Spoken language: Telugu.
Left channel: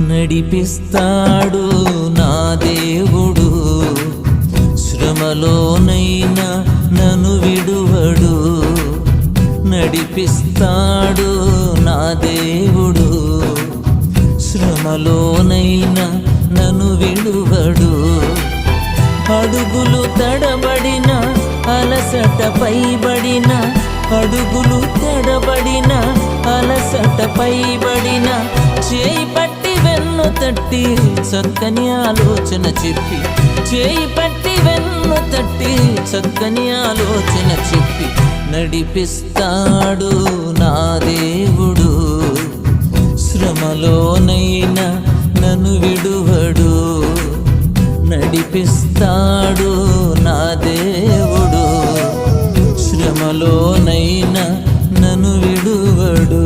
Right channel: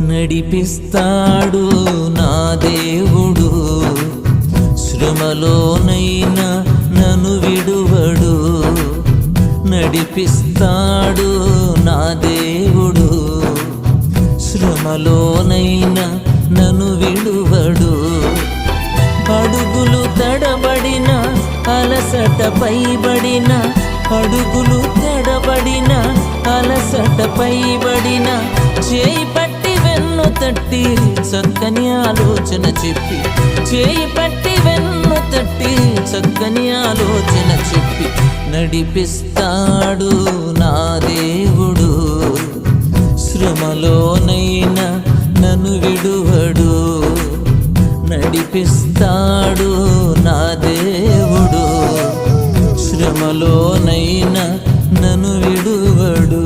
నడిపిస్తాడు నా దేవుడు, శ్రమలోనైనా నన్ను విడువడు. నడిపిస్తాడు నా దేవుడు, శ్రమలోనైనా నన్ను విడువడు. అడుగులు తడబడిన అలసట పైబడిన, అడుగులు తడబడిన అలసట పైబడిన, చేయి పట్టి వెన్ను తట్టి చక్కని ఆలోచన చెప్పి, చేయి పట్టి వెన్ను తట్టి చక్కని ఆలోచన చెప్పి నడిపిస్తాడు నా దేవుడు, శ్రమలోనైనా నన్ను విడువడు. నడిపిస్తాడు నా దేవుడు, శ్రమలోనైనా నన్ను విడువడు.